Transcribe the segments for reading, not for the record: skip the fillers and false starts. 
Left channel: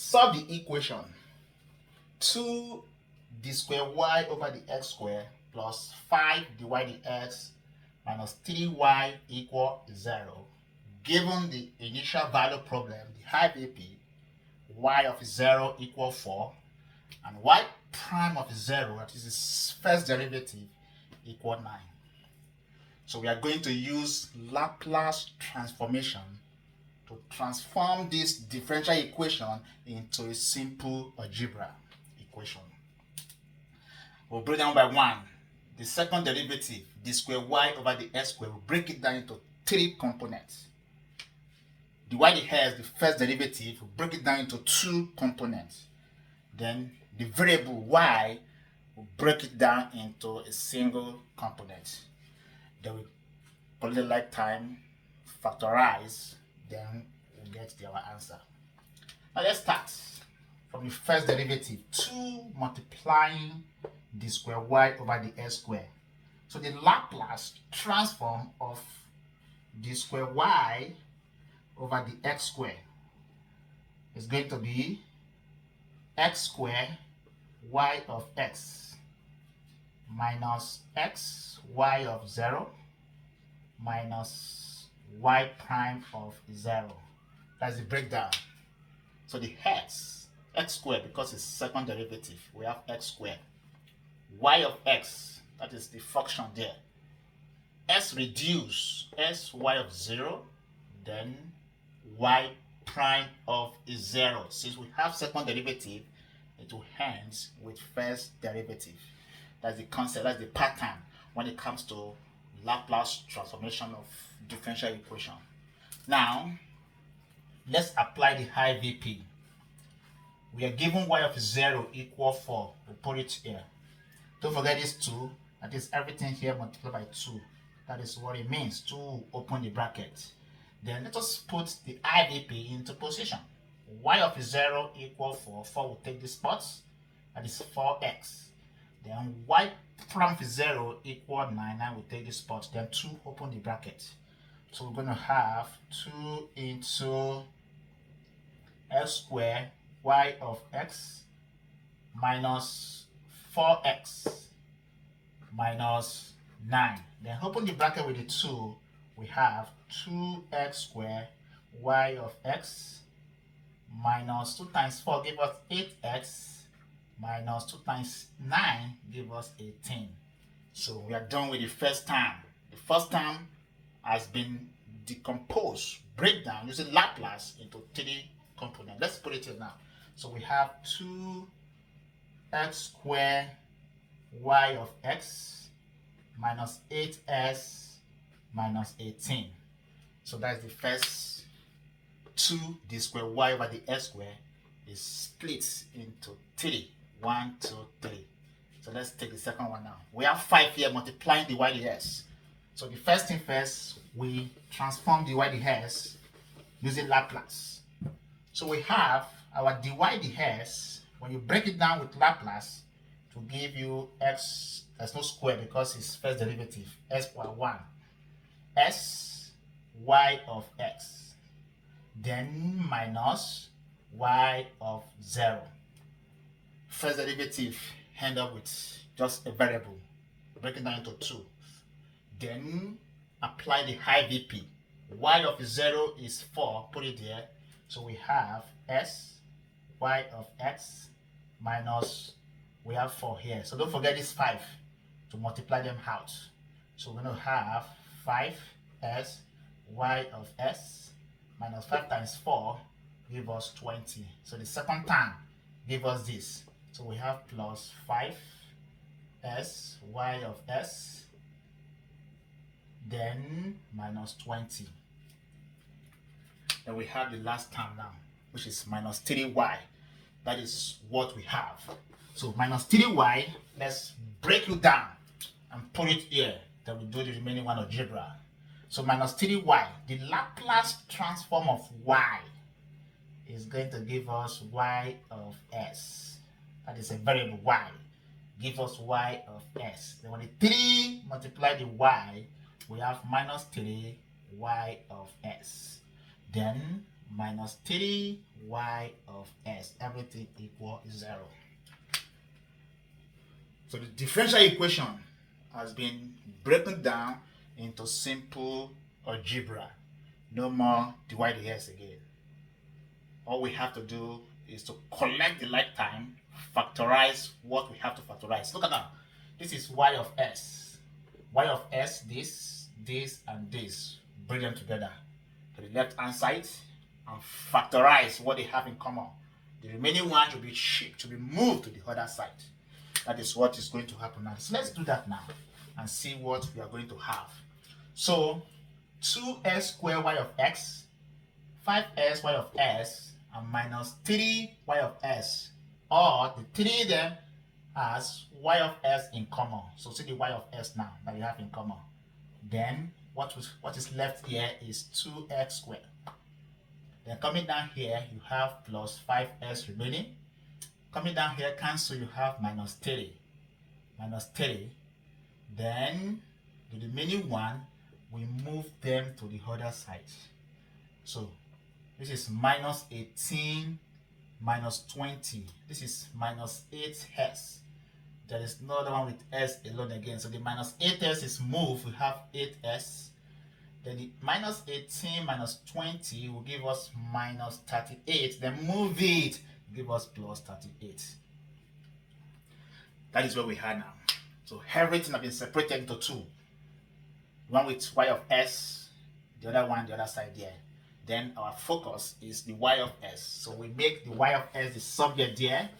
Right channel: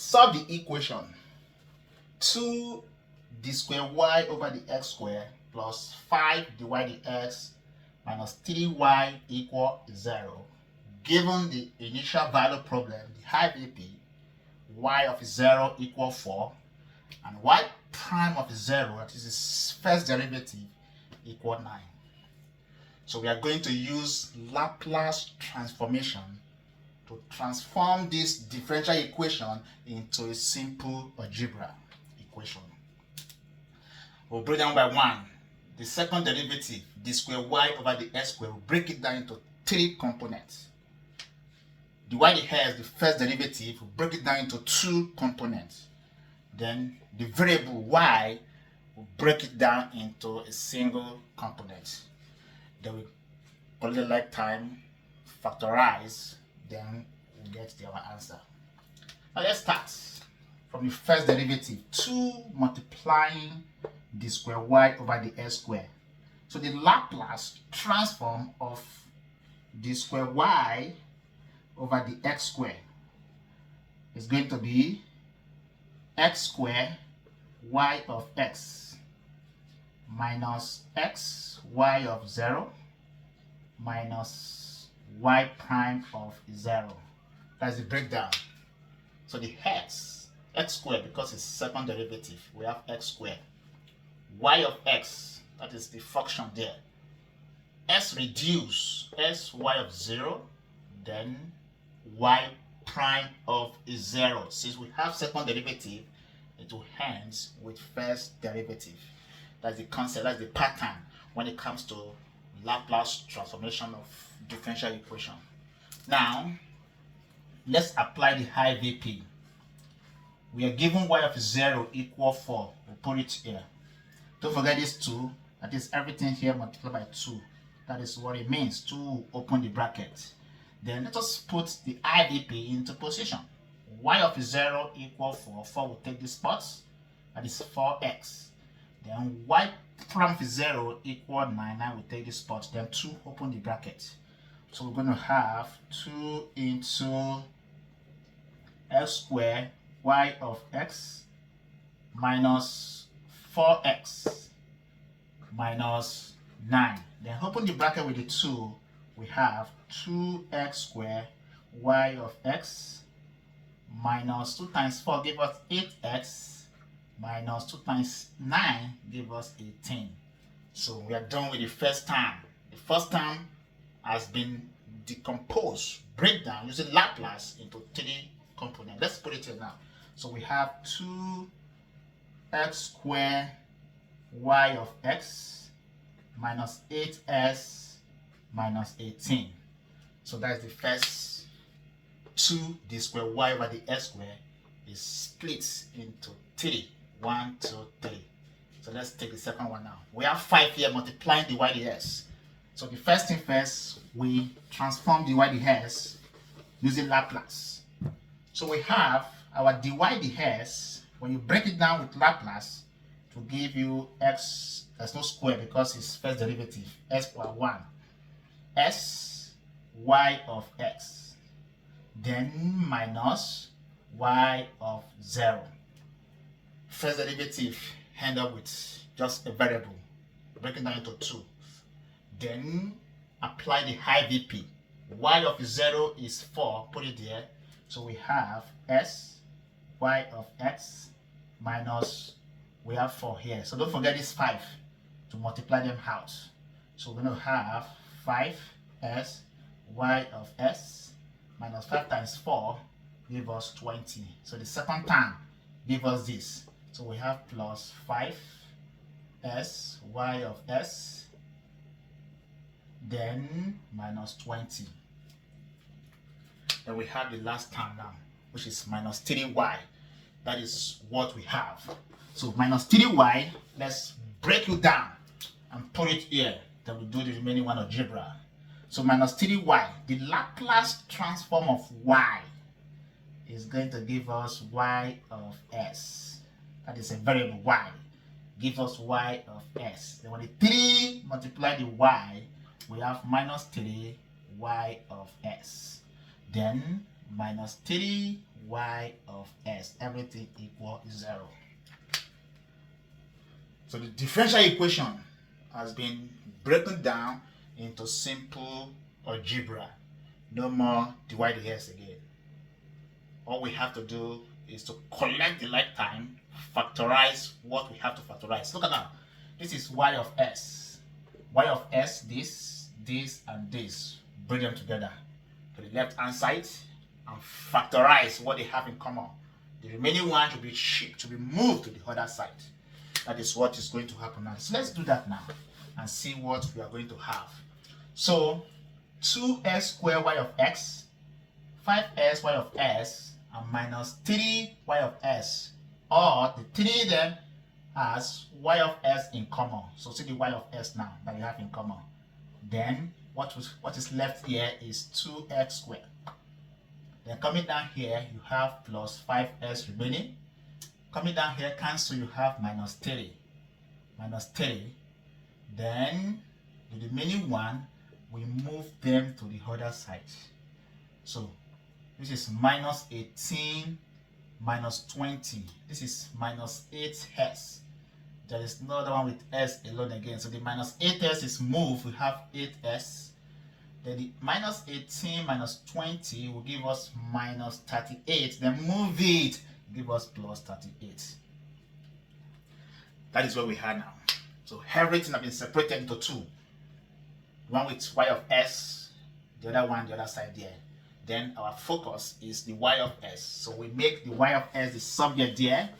Solve the equation 2 d square y over the x square plus 5 dy dx minus 3y equal 0. Given the initial value problem, the high VP, y of 0 equal 4 and y prime of 0, that is its first derivative, equal 9. So we are going to use Laplace transformation to transform this differential equation into a simple algebra equation. We'll break down by 1. The second derivative, d square y over the x square, we'll break it down into 3 components. The y dx, the first derivative, we'll break it down into 2 components. Then the variable y, we'll break it down into a single component. Then we calculate like time, factorize, then we'll get our answer. Now let's start from the first derivative, 2 multiplying d square y over the x square. So the Laplace transform of d square y over the x square is going to be x square y of x minus x y of 0 minus y prime of 0. That's the breakdown. So the x squared, because it's second derivative, we have x squared. Y of x, that is the function there. S reduce s y of 0, then y prime of 0. Since we have second derivative, it will end with first derivative. That's the concept, that's the pattern when it comes to Laplace transformation of differential equation. Now, let's apply the high VP. We are given y of 0 equal 4. We'll put it here. Don't forget this 2. That is everything here multiplied by 2. That is what it means to open the bracket. Then let us put the IVP into position. Y of 0 equal 4. 4 will take the spots. That is 4x. Then y prime of 0 equal 9. 9 will take the spot. Then 2 open the bracket. So we're going to have 2 into x squared y of x minus 4x minus 9. Then open the bracket with the 2. We have 2x squared y of x minus 2 times 4 give us 8x minus 2 times 9 give us 18. So we are done with the first term. The first term has been decomposed, breakdown using Laplace into 3 components. Let's put it here now. So we have 2x squared y of x minus 8s minus 18. So that's the first 2 d squared y over the x squared is split into 3. 1, 2, 3. So let's take the second one now. We have 5 here multiplying the y dx. So the first thing first, we transform the y dx using Laplace. So we have our dy dx. When you break it down with Laplace, it will give you x, there's no square because it's first derivative, s power 1, s y of x, then minus y of 0. First derivative end up with just a variable, break it down into 2. Then apply the high VP. Y of 0 is 4, put it there. So we have s y of x minus, we have 4 here. So don't forget this 5 to multiply them out. So we're going to have 5s y of s minus 5 times 4 give us 20. So the second term give us this. So we have plus 5s y of s then minus 20. Then we have the last term now, which is minus 3y. That is what we have. So minus 3y, let's break it down and put it here. Then we do the remaining one algebra. So minus 3y, the Laplace transform of y is going to give us y of s. That is a variable y. Give us y of s. Then when the 3 multiply the y, we have minus 3 y of s. Then minus 3 y of s, everything equal 0. So the differential equation has been broken down into simple algebra. No more divide the s again. All we have to do is to collect the like time, factorize what we have to factorize. Look at that. This is y of s. Y of s, this, and this. Bring them together to the left hand side and factorize what they have in common. The remaining one should be shipped, to be moved to the other side. That is what is going to happen now. So let's do that now and see what we are going to have. So 2s squared y of x, 5s y of s, and minus 3y of s, or the 3 then has y of s in common. So see the y of s now that you have in common. Then what is left here is 2x squared. Then coming down here, you have plus 5s remaining. Coming down here, cancel, you have minus 3. Minus 3. Then the remaining one, we move them to the other side. So this is minus 18 minus 20. This is minus 8s. There is no other one with s alone again. So the minus 8s is moved. We have 8s. Then the minus 18 minus 20 will give us minus 38. Then move it, give us plus 38. That is what we have now. So everything has been separated into two. One with y of s, the other one the other side there. Then our focus is the y of s. So we make the y of s the subject there.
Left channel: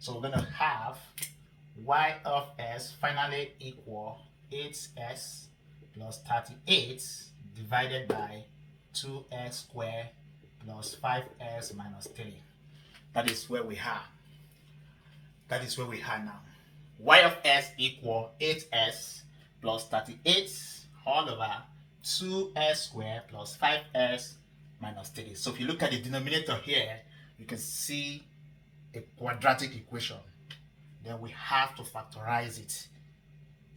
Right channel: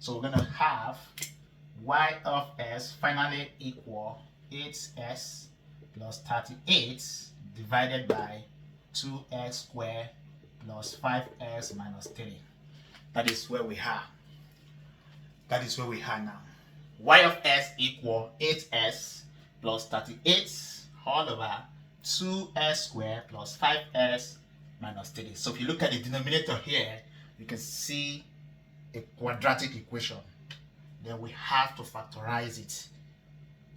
So we're going to have y of s finally equal 8s plus 38 divided by 2x squared plus 5s minus 3. That is where we are. That is where we are now. Y of s equal 8s plus 38 all over 2s squared plus 5s minus 3. So if you look at the denominator here, you can see a quadratic equation. Then we have to factorize it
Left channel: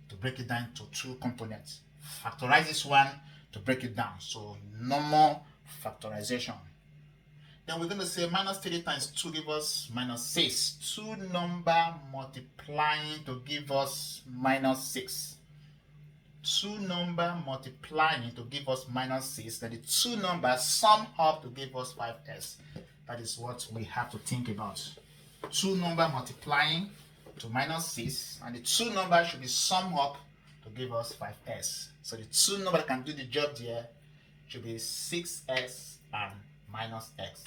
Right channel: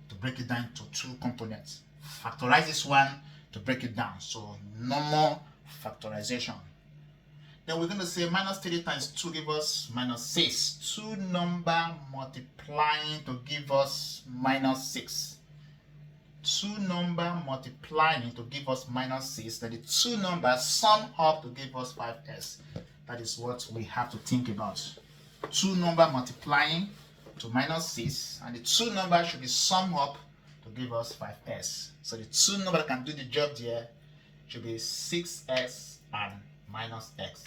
to break it down to two components. Factorize this one to break it down. So normal factorization. Then we're going to say minus 3 times 2 give us minus 6. Two number multiplying to give us minus 6. Two number multiplying to give us minus 6. Then the two numbers sum up to give us 5s. That is what we have to think about. Two number multiplying to minus 6, and the two numbers should be summed up to give us 5s. So the two numbers that can do the job there should be 6s and minus x.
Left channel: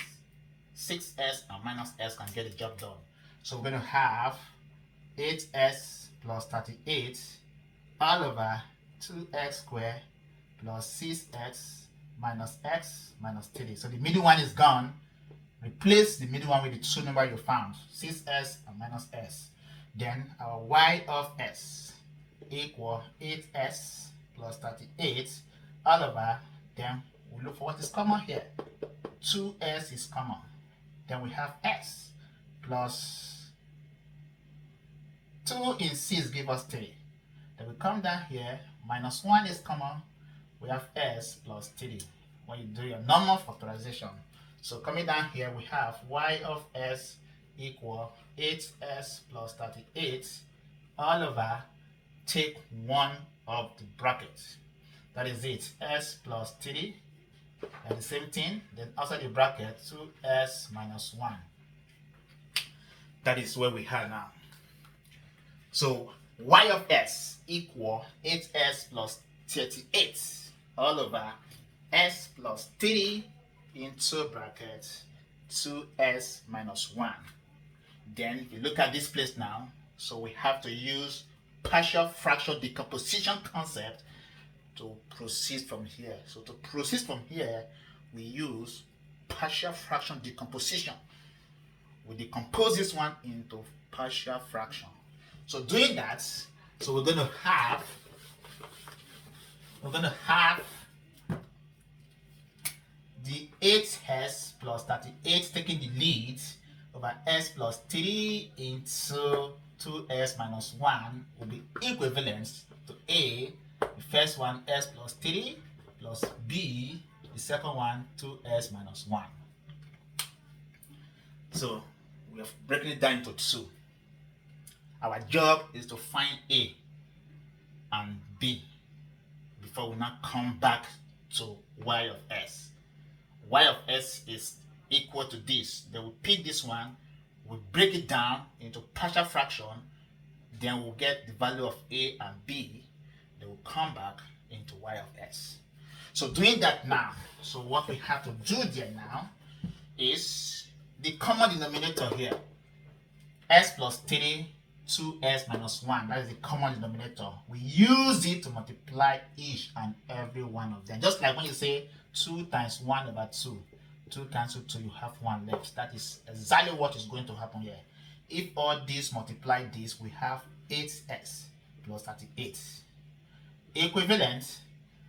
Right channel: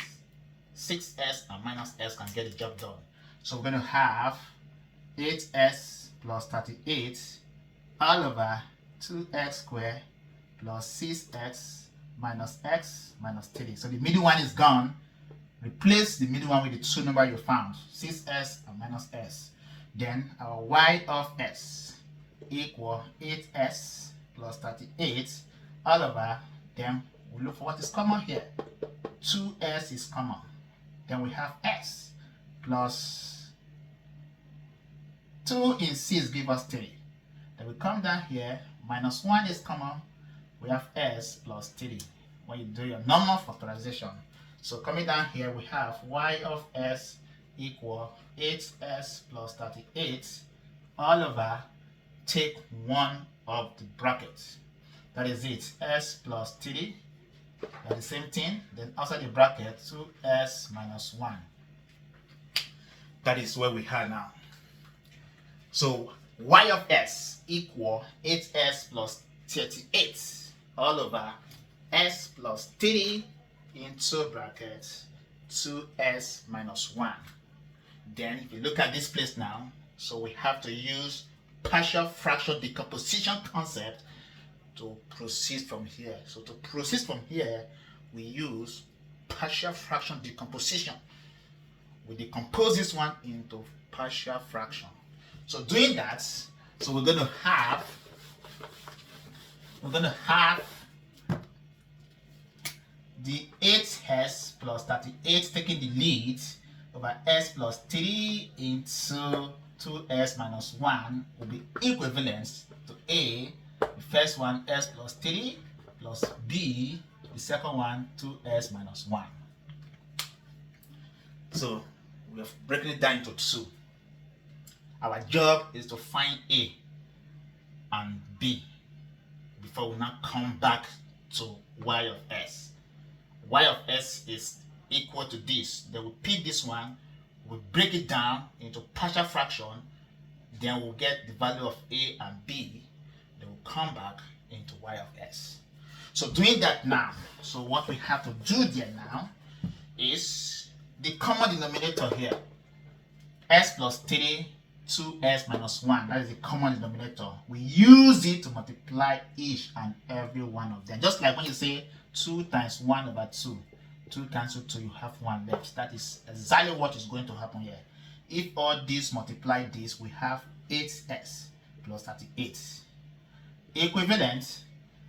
6s and minus s can get the job done. So we're going to have 8s plus 38 all over 2x squared plus 6x minus 3. So the middle one is gone. Replace the middle one with the two number you found, 6s and minus s. Then our y of s equal 8s plus 38 all over, then we look for what is common here. 2s is common. Then we have s plus 2 in 6 give us 3. Then we come down here, minus 1 is common. We have s plus 3 when you do your normal factorization. So coming down here, we have y of s equal 8s plus 38 all over, take 1 of the bracket. That is it, s plus 3, and the same thing, then outside the bracket, 2s minus 1. That is where we are now. So y of s equal 8s plus 38 all over s plus 3 into bracket 2s minus 1. Then if you look at this place now, so we have to use partial fraction decomposition concept to proceed from here. So to proceed from here, we use partial fraction decomposition. We decompose this one into partial fraction. So doing that, so we're going to have the 8s plus 38 taking the lead over s plus 3 into 2s minus 1 will be equivalent to A, the first one s plus 3 plus B, the second one 2s minus 1. So we have broken it down into 2. Our job is to find A and B before we now come back to y of s. Y of s is equal to this. Then we pick this one, we break it down into partial fraction, then we'll get the value of A and B, then we'll come back into y of s. So doing that now, so what we have to do there now is the common denominator here, s plus 3, 2s minus 1, that is the common denominator. We use it to multiply each and every one of them. Just like when you say 2 times 1 over 2, 2 cancel 2, you have 1 left. That is exactly what is going to happen here. If all these multiply this, we have 8s plus 38. Equivalent,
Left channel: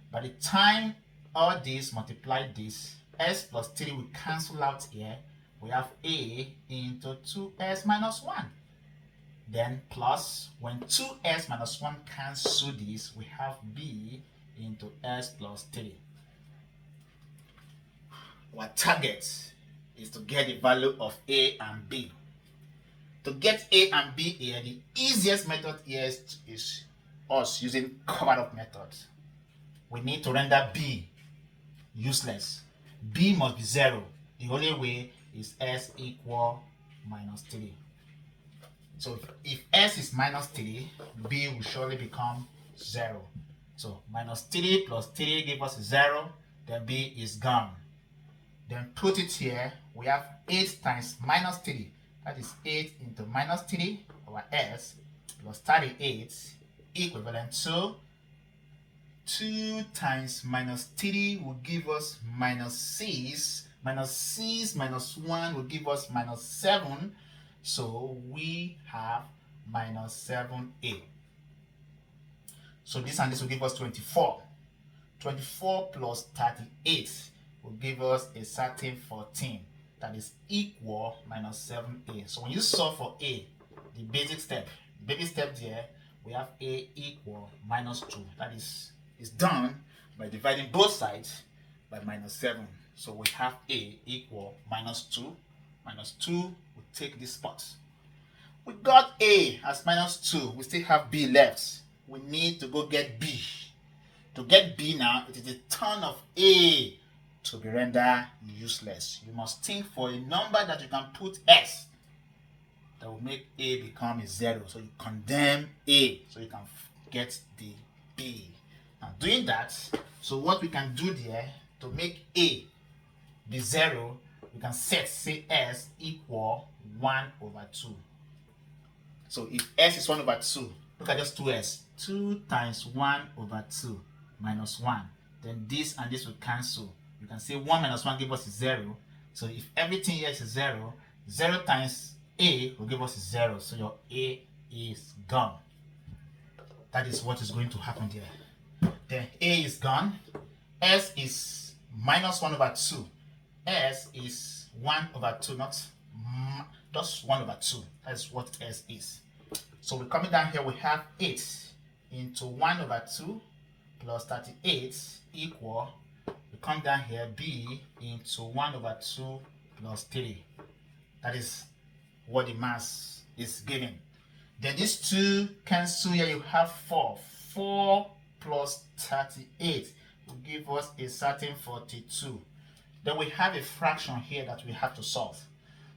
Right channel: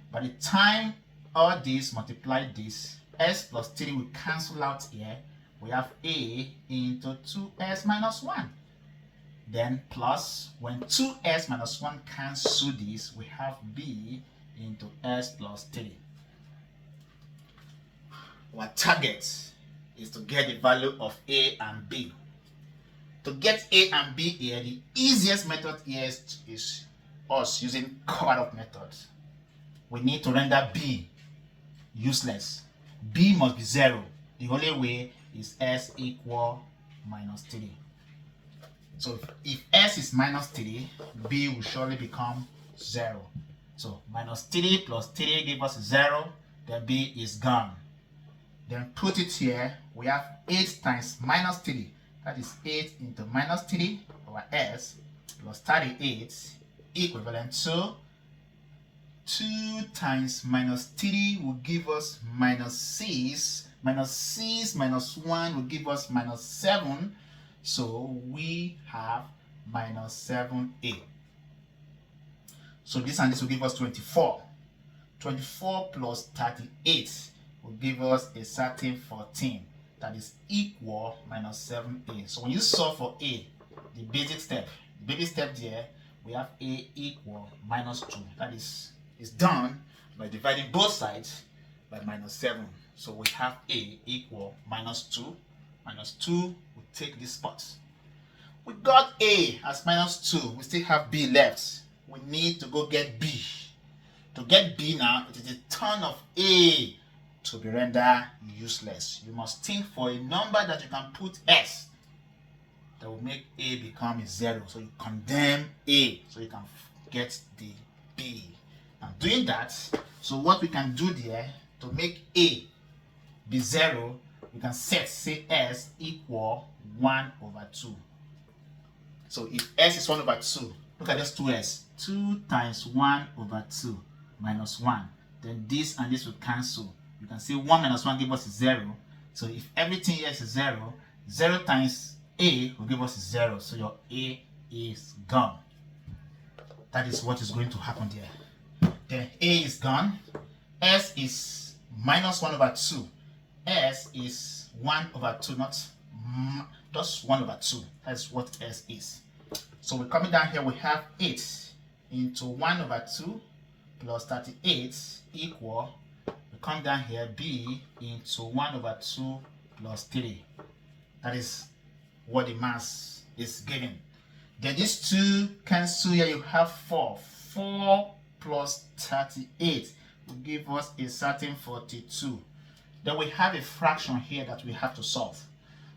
by the time all these multiply this, s plus 3 will cancel out here. We have a into 2s minus 1. Then plus, when 2s minus 1 cancel this, we have b into s plus 3. Our target is to get the value of a and b. To get a and b here, the easiest method here is us using covered up methods. We need to render b useless. B must be 0. The only way is s equal minus 3. So if s is minus 3, b will surely become 0. So minus 3 plus 3 gives us 0, then b is gone. Then put it here, we have 8 times minus 3. That is 8 into minus 3 over s plus 38 equivalent to 2 times minus 3 will give us minus 6. Minus 6 minus 1 will give us minus 7. So we have minus 7a. So this and this will give us 24. 24 plus 38 will give us a certain 14. That is equal minus 7a. So when you solve for a, the basic step there, we have a equal minus 2. That is done by dividing both sides by minus 7. So we have a equal minus 2. Minus 2 will take this spot. We got a as minus 2. We still have b left. We need to go get b. To get b now, it is the turn of a to be rendered useless. You must think for a number that you can put s that will make a become a 0. So you condemn a so you can get the b. Now doing that, so what we can do there to make a be 0, we can say s equal 1 over 2. So if s is 1 over 2, look at just 2s. 2 times 1 over 2 minus 1. Then this and this will cancel. You can say 1 minus 1 gives us 0. So if everything here is 0, 0 times a will give us 0. So your a is gone. That is what is going to happen there. Then a is gone. S is minus 1 over 2. S is 1 over 2, not just 1 over 2. That's what S is. So we're coming down here, we have 8 into 1 over 2 plus 38 equal, we come down here, b into 1 over 2 plus 3. That is what the mass is giving. Then these two cancel here, you have 4. 4 plus 38 will give us a certain 42. Then we have a fraction here that we have to solve.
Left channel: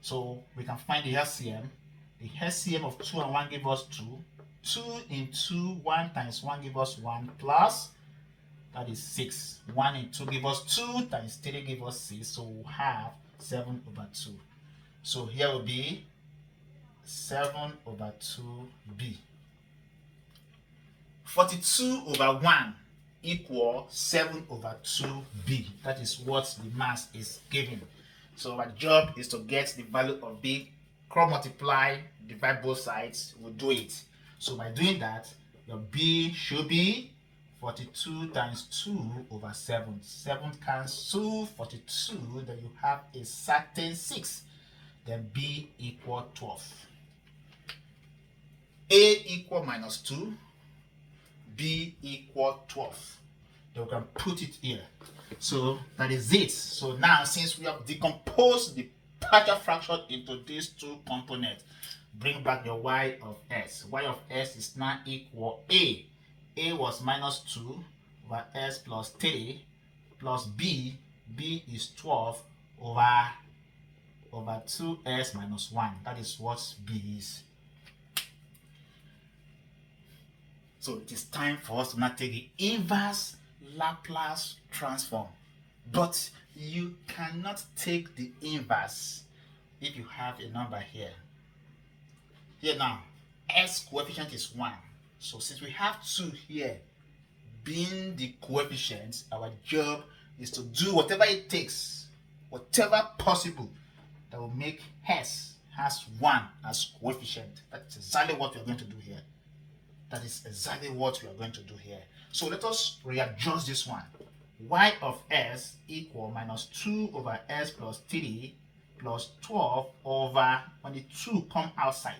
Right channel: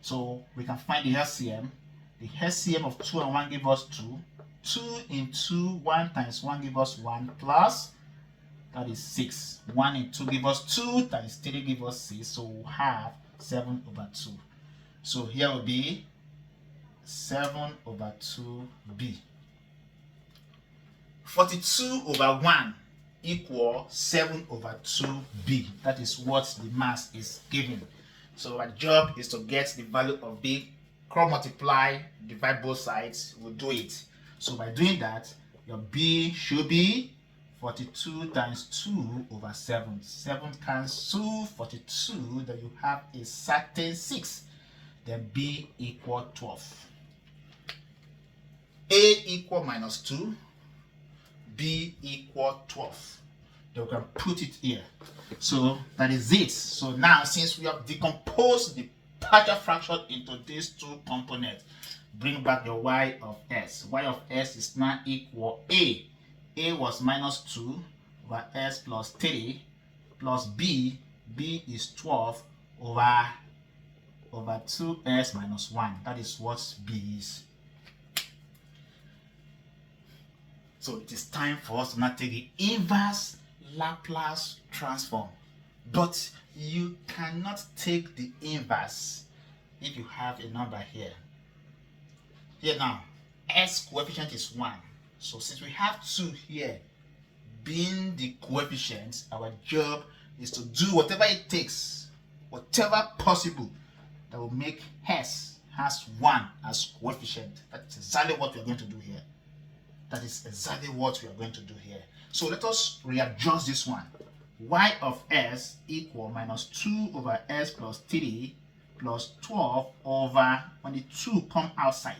So we can find the LCM. The LCM of 2 and 1 gives us 2. 2 into 1 times 1 gives us 1 plus, that is 6. 1 into 2 gives us 2 times 3 gives us 6. So we'll have 7 over 2. So here will be 7 over 2b. 42 over 1 equal 7 over 2b. That is what the mass is giving. So our job is to get the value of b, cross multiply, divide both sides, we'll do it. So by doing that, your b should be 42 times 2 over 7. 7 cancel 42, then you have a certain 6. Then b equal 12. A equal minus 2, b equal 12. Then we can put it here. So that is it. So now, since we have decomposed the partial fraction into these two components. Bring back your y of s. Y of s is now equal a. A was minus 2 over s plus 3 plus b. B is 12 over 2s minus 1. That is what b is. So it is time for us to now take the inverse Laplace transform. But you cannot take the inverse if you have a number here. Here now, s coefficient is 1. So since we have 2 here, being the coefficients, our job is to do whatever it takes, whatever possible, that will make s has 1 as coefficient. That's exactly what we're going to do here. That is exactly what we are going to do here. So let us readjust this one. Y of s equal minus 2 over s plus 3 plus 12 over, when the 2 come outside,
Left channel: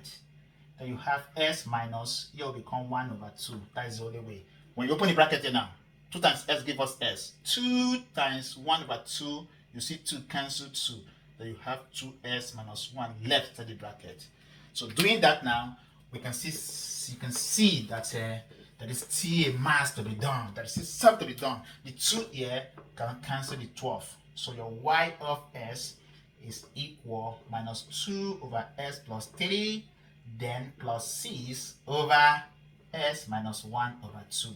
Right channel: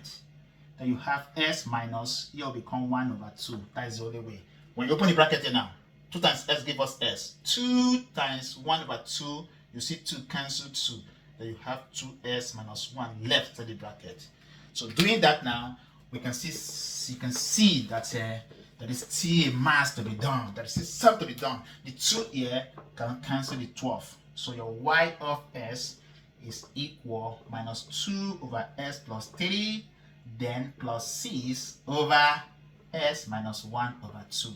then you have s minus, here will become 1 over 2. That is the only way. When you open the bracket here now, 2 times s give us s. 2 times 1 over 2, you see 2 cancel 2. Then you have 2s minus 1 left in the bracket. So doing that now, we can see, you can see that there is still a mass to be done. There is still something to be done. The 2 here can cancel the 12. So your y of s is equal minus 2 over s plus 3, then plus 6 over s minus 1 over 2.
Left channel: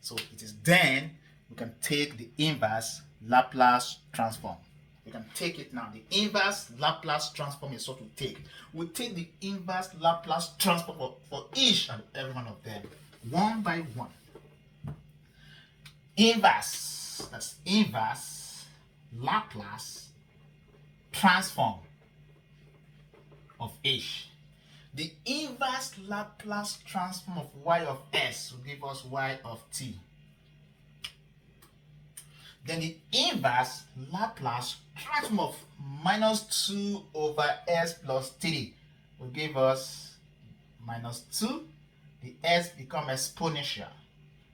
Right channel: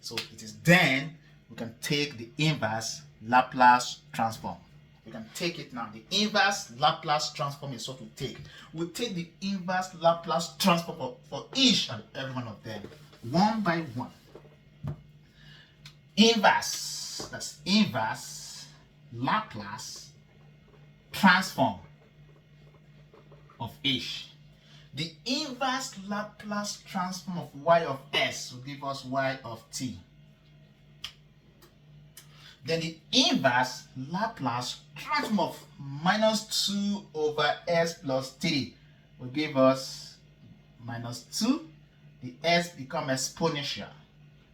So it is then we can take the inverse Laplace transform. We can take it now. The inverse Laplace transform is what we take. We take the inverse Laplace transform for each and every one of them, one by one. Inverse, that's inverse Laplace transform of each. The inverse Laplace transform of y of s will give us y of t. Then the inverse Laplace transform of minus 2 over s plus 3 will give us minus 2. The s become exponential.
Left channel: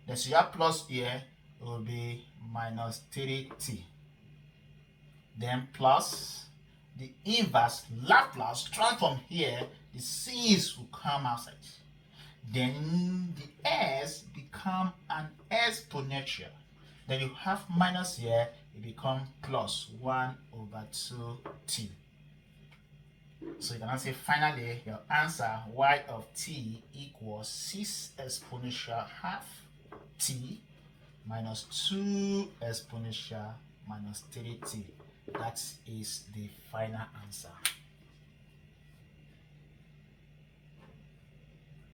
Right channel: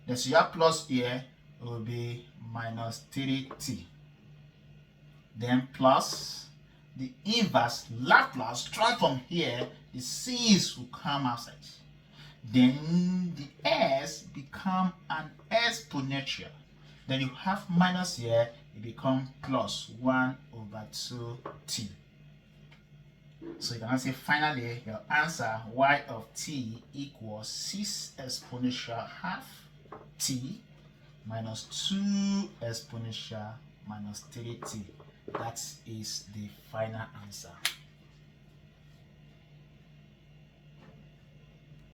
Then so you have plus here, it will be minus 3t. Then plus the inverse Laplace transform here, the c's will come outside. Then the s become an exponential. Then you have minus here, it becomes plus 1 over 2t. So you can say finally your answer y of t equals 6 exponential half t minus 2 exponential minus 3t. That is the final answer.